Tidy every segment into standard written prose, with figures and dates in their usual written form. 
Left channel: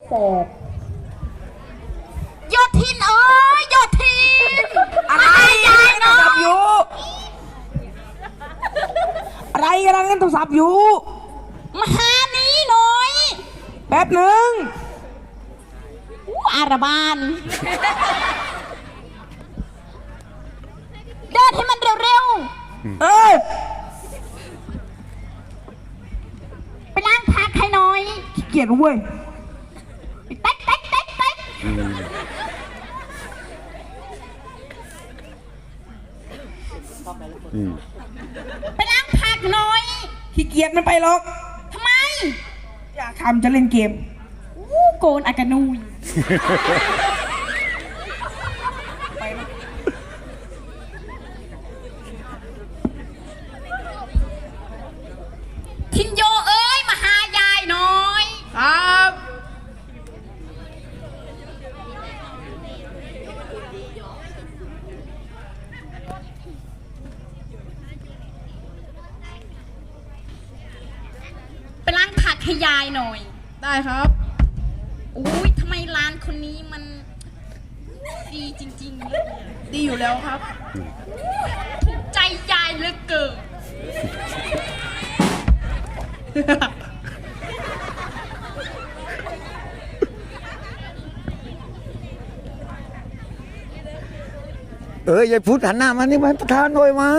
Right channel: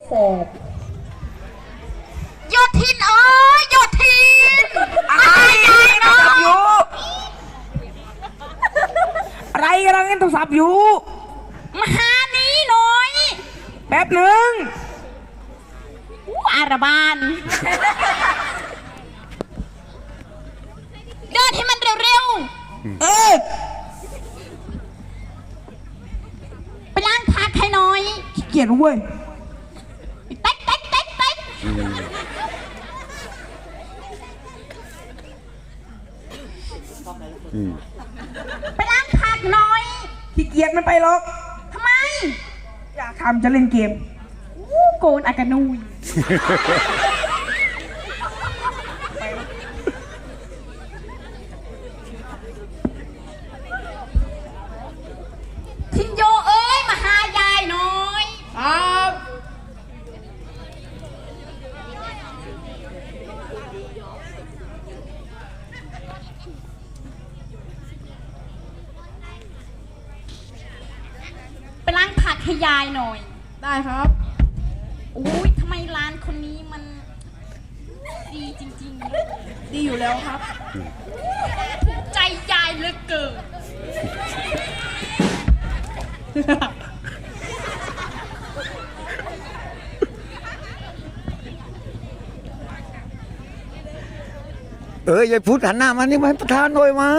แสบยอดทินเอ้ยยอดทินอะไรโทรศัพท์อยู่อะไรกำลังเล่นโทรศัพท์อยู่มาหานี้หน่อยแป๊บหนึ่งอาราบานเดินให้มันเร็วๆไปล้างผักให้หน่อยขี้เกียจเว้ยเต๊กเต๊กเต๊กเต๊กไปล้างผักหน่อยขี้เกียจไม่ไปหรอกทำไมอยากทำจะเล่นเกมโกนอากานุยทินโยเอ้ยมาหายายหน่อยครับไปล้างผักให้ยายหน่อยได้ครับอุ้ยทำไมร้านคนนี้มันดีจริงๆเลยดีอยู่แล้วครับถูกใจยายเหลือเกินยายพุทธหันหน้ามานี่มาประธานหน่อยมา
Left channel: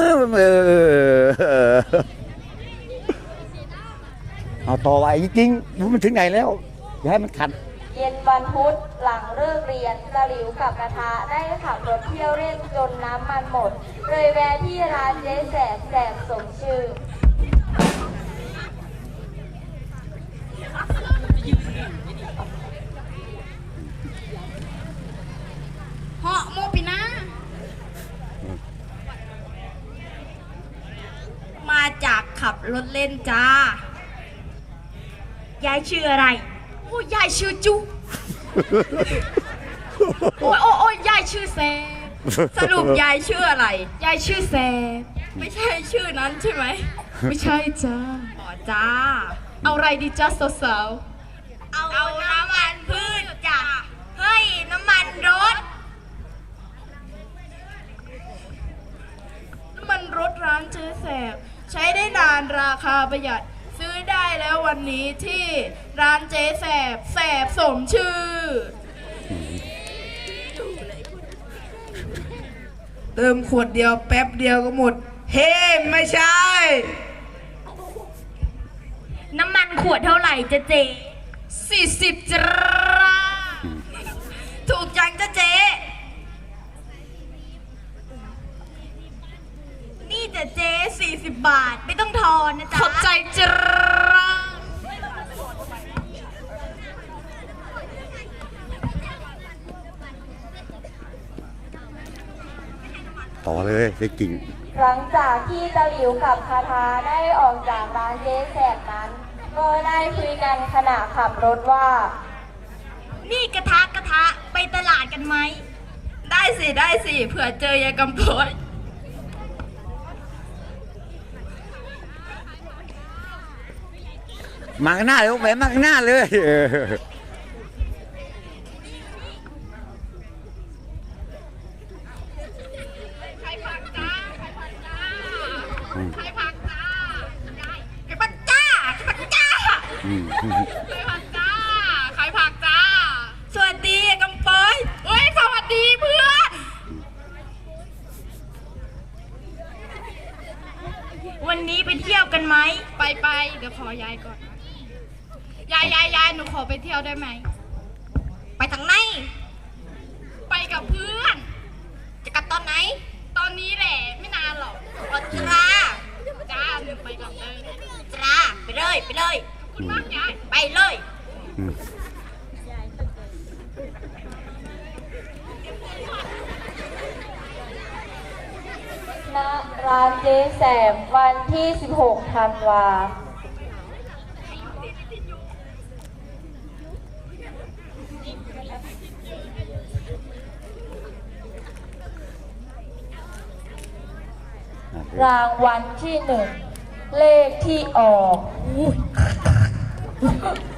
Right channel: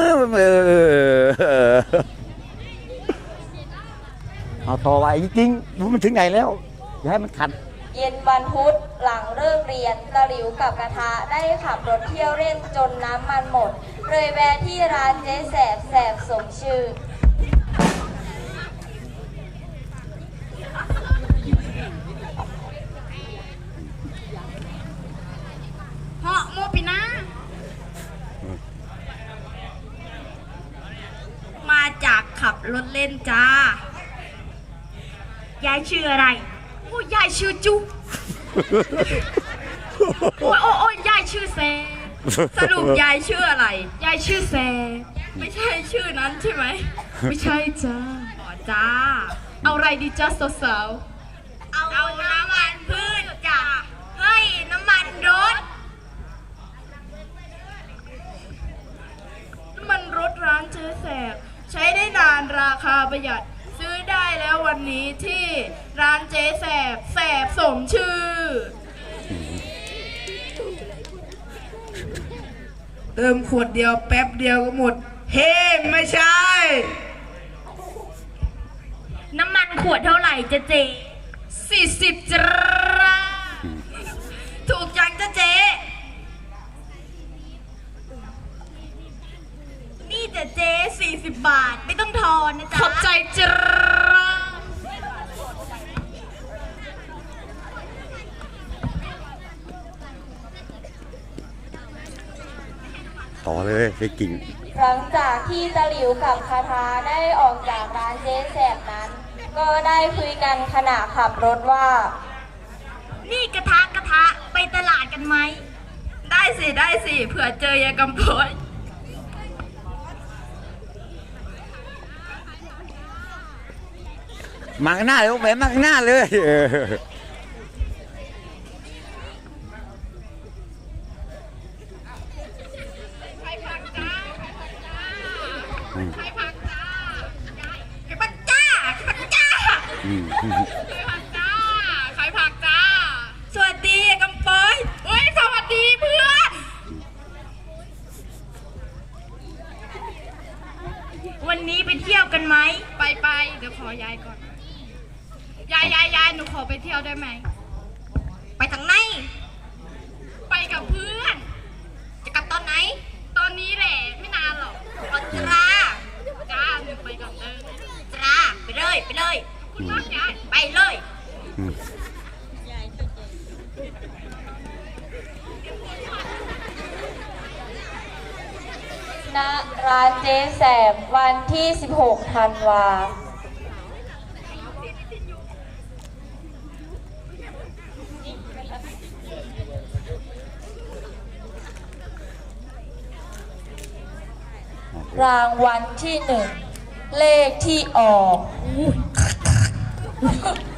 เอาต่อไปจริงๆมันถึงไหนแล้วอย่าให้มันขัดเย็นวันพุธหลังเลิกเรียนตะหลิวกับกระทะได้ขับรถเที่ยวเล่นจนน้ำมันหมดเลยแวะที่ร้านเจ๊แสบแสบสมชื่อเหาะโมปินะมาจากขับรถเล่นจ้ายายชื่ออะไรโอ้ยายชื่อจุ๊โอ้ยยายชื่อแซสรุปยายชื่ออะไรยายชื่อแซไม่ใช่ชื่อนั้นใช่ไหมไม่ใช่จ้าอ๋อจ้าเอาอะไรดีจ้าสาวๆเอาน้ำมันพืชจ้าเฮ้ยน้ำมันรถร้านเจ๊แสบใช้ได้นานราคาประหยัดซื้อได้แล้ววันนี้ที่ร้านเจ๊แสบแสบสมชื่อเติมขวดเดียวแป๊บเดียวก็หมดเฮ้ไม่ใช่น้ำมันขวดเท่าไหร่จ๊ะเจ๊40 จ้าถูกจังจ๊ะเจ๊นี่จ๊ะเจ๊40 บาทไม่ต้องทอนนะจ๊ะขอบใจจ้าต่อเลยไปกิ่งหลังจากที่ตะหลิวกับคาทาได้ออกจากร้านเจ๊แสบนั้นก็ได้คุยกันขณะขับรถว่านี่กระทะไปตลาดกันไหมได้สิเผื่อเจอยายกำพลมาข้างหน้าเลยแหมมาข้างหน้าเลยไข่ผักจ้าไข่ผักจ้าไข่ผักจ้าไข่ผักจ้าสวัสดีกำปอยเฮ้ยสวัสดีเพื่อนวันนี้ไปเที่ยวกันไหมไปเดี๋ยวขอยายก่อนยายหนูขอไปเที่ยวได้ไหมไปทางไหนไปกับเพื่อนจะกลับตอนไหนตอนนี้แหละไม่นานหรอกเอาจ้าหนูไปก่อนเลยจ้าไปเลยไปเลยณร้านเจ๊แสบวันที่16 ธันวารางวัลที่ 1เลขที่ออก